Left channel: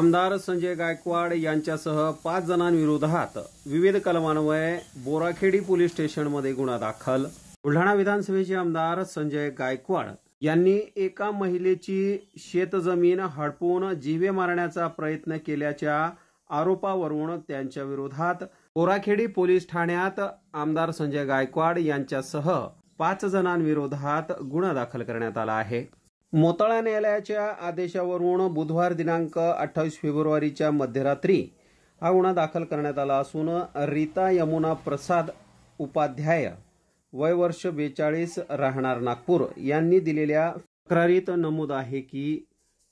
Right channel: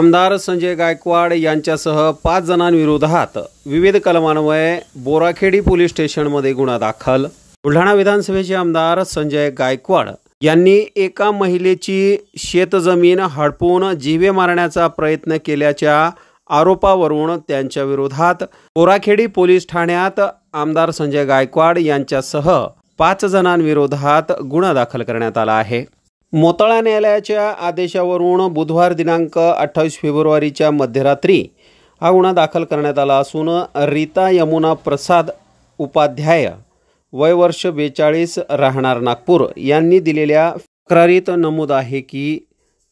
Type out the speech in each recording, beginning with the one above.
आमदार संजय गायकवाड यांच्यासह 5 जणांविरोधात विविध कलमान्वये बोराखेडी पोलीस स्टेशनमध्ये गुन्हा दाखल। बुलढाणा विधानसभेचे आमदार संजय गायकवाड यांनी एका महिलेची शेतजमीन हडपून जीवे मारण्याचा प्रयत्न केल्याच्या आरोपावरून त्यांच्या विरोधात बोराखेडी पोलीस ठाण्यात आमदार संजय गायकवाड यांच्यासह 5 जणांविरोधात गुन्हा दाखल करण्यात आला आहे। मोताळा न्यायालयाच्या आदेशावरून बुधवार दिनांक 28 फेब्रुवारीच्या मध्यरात्री हा गुन्हा दाखल करण्यात आला असून रीता यमुना प्रसाद उपाध्याय वय वर्ष 42 राहणार नागपूर यांनी दिलेल्या तक्रारीत नमूद आहे की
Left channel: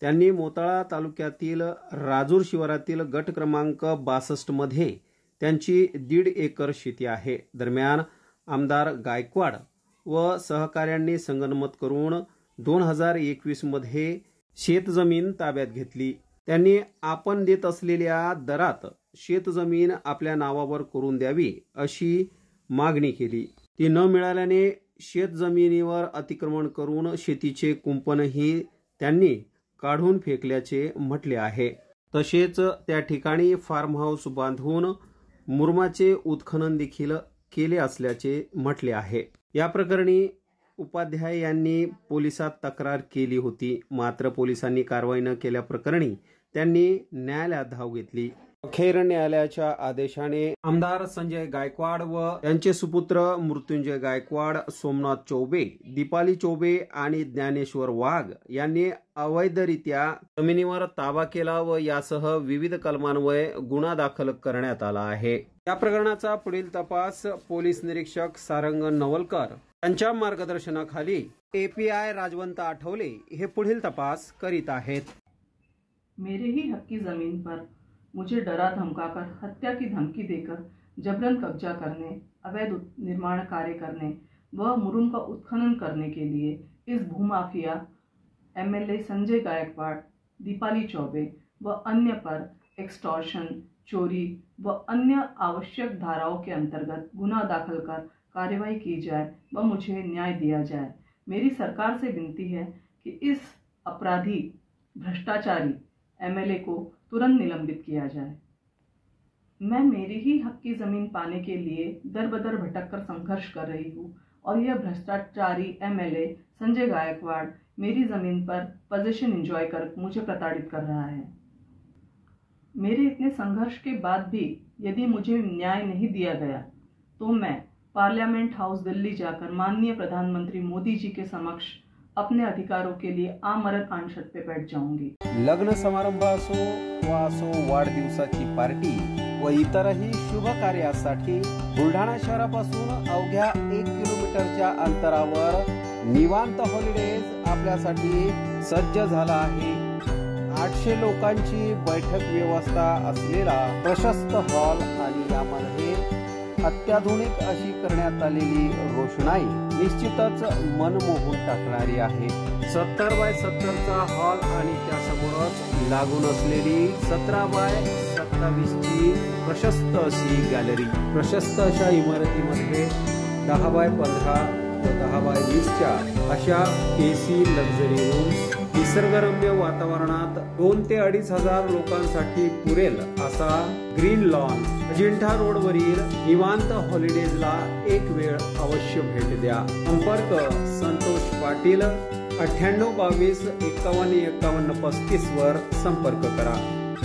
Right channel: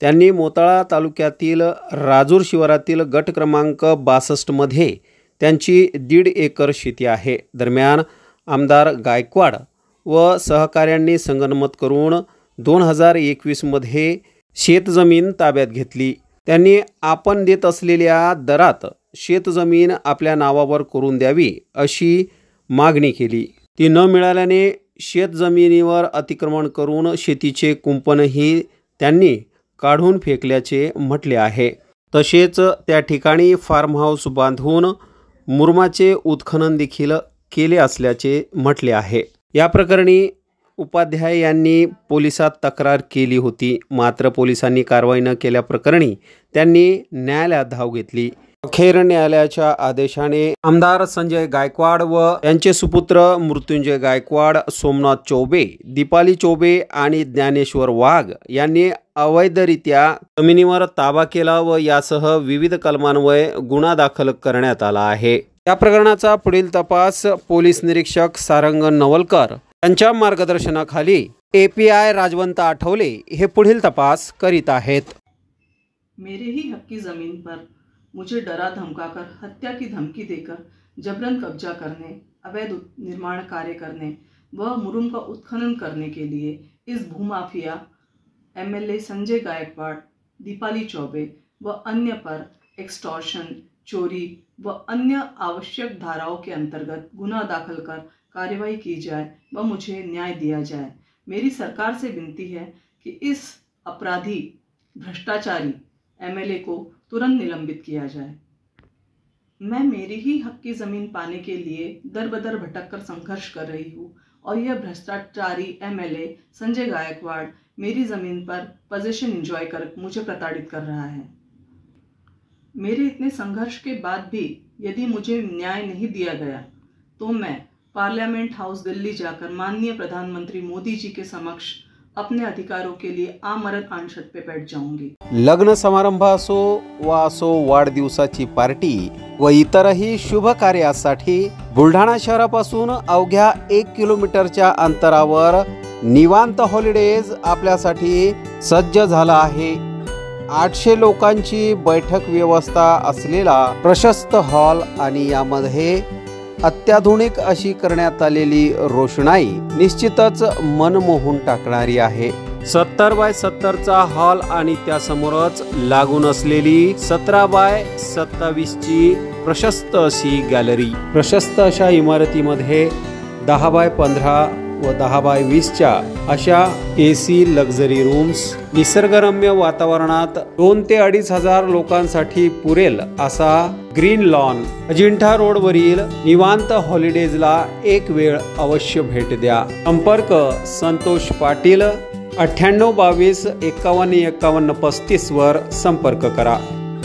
त्यांनी मोताळा तालुक्यातील राजूर शिवारातील गट क्रमांक 62 मध्ये त्यांची 1.5 एकर शेती आहे। दरम्यान आमदार गायकवाड व सहकाऱ्यांनी संगनमत करून 2021 मध्ये शेतजमीन ताब्यात घेतली। त्यांनी आपण देत असलेल्या दरात शेतजमीन आपल्या नावावर करून द्यावी अशी मागणी केली। ती न मिळाल्याने शेतजमिनीवर अतिक्रमण करून शेतीचे कुंपणही त्यांनी काढून फेकल्याचे म्हटले आहे। तसेच त्या ठिकाणी फार्म हाऊस बांधून मुरमाचे उत्खनन देखील केले असल्याचे म्हटले आहे। या प्रकरणी उपाध्याय यांनी पोलिसात तक्रार केली होती, मात्र पोलिसांनी कारवाई न केल्याप्रकरणी त्यांनी न्यायालयात धाव घेतली। अखेर न्यायालयाच्या आदेशाने आमदार संजय गायकवाड व त्यांचे सुपुत्र मृत्युंजय गायकवाड, सोमनाथ चौबे, दीपाली चौबे आणि ज्ञानेश्वर वाघ यांनी अवैधरित्या जमिनीवर ताबा केला व यासह विविध कलमान्वये गुन्हा दाखल करण्यात आला आहे। या प्रकरणाचा पुढील तपास पोलीस निरीक्षक सारंग नवलकर यांच्या मार्गदर्शनाखाली API राजवंत आठवले हे पुढील तपास करीत आहेत। मेरे ही हक की ज़मीन पर मुझे डरा धमकाकर हत्या की धमकी देकर जबरन कब्जा करने, अवैध निर्माण कार्य करने व मुरुम का उत्खनन करने के लिए इस भूमाफिया MLA संजय गायकवाड़, दीपाली चौबे व अन्य पर एक्सटॉर्शन, चोरी व अन्य आवश्यक धाराओं के अंतर्गत गुनाह दाखिल कर कार्रवाई की जाए व मुझे न्याय दिया जाए। मेरी सरकार से विनती है कि इस अपराधी भ्रष्टाचारी MLA को तुरंत निलंबित किया जाए। मैं मेरी ही हक की ज़मीन पाने के लिए दर बदर भटक कर संघर्ष कर रही हूँ और यह भ्रष्टाचारी MLA संजय गायकवाड़ मेरी ज़मीन पर पोजीशन एंजॉय कर मुझे प्रताड़ित कर रहा है। मेरे इतने संघर्ष के बाद भी यदि मुझे न्याय नहीं दिया गया तो मैं पार्लियामेंट हाउस दिल्ली जाकर माननीय प्रधानमंत्री मोदी जी के समक्ष अपने अधिकारों के लिए आमरण अनशन पे बैठ जाऊंगी। लग्न समारंभ असो वाढदिवसाची पार्टी व इतरही शुभ कार्यासाठी बुलढाणा शहरापासून अवघ्या 1 किलोमीटरच्या अंतरावर निवांत हॉलिडेज आपल्यासाठी सज्ज झाला आहे। 800 लोकांची बैठक व्यवस्था असलेला प्रशस्त हॉल आणि यामध्ये अत्याधुनिक अशी करण्यात आलेली रोषणाई निश्चितच मन मोहून टाकणारी आहे। 70 बाय 70 चा हॉल आणि त्यासमोरच लागून असलेली 17 बाय 27 ची प्रशस्त अशी गॅलरी। प्रशस्त अशा इमारतीमध्ये 10 बाय 15 व 10 बाय 20 च्या अशा AC लक्झरी रूम्स, निसर्गरम्य वातावरणात 2 ते 2.5 हजार लोकांसाठी पुरेल असा ग्रीन लॉन। अजिंठा रोडवरील निवांत हॉलिडेजला एक वेळ अवश्य भेट द्या। संपर्क संतोष पाटील 98 22 51 51 35 वर संपर्क करा।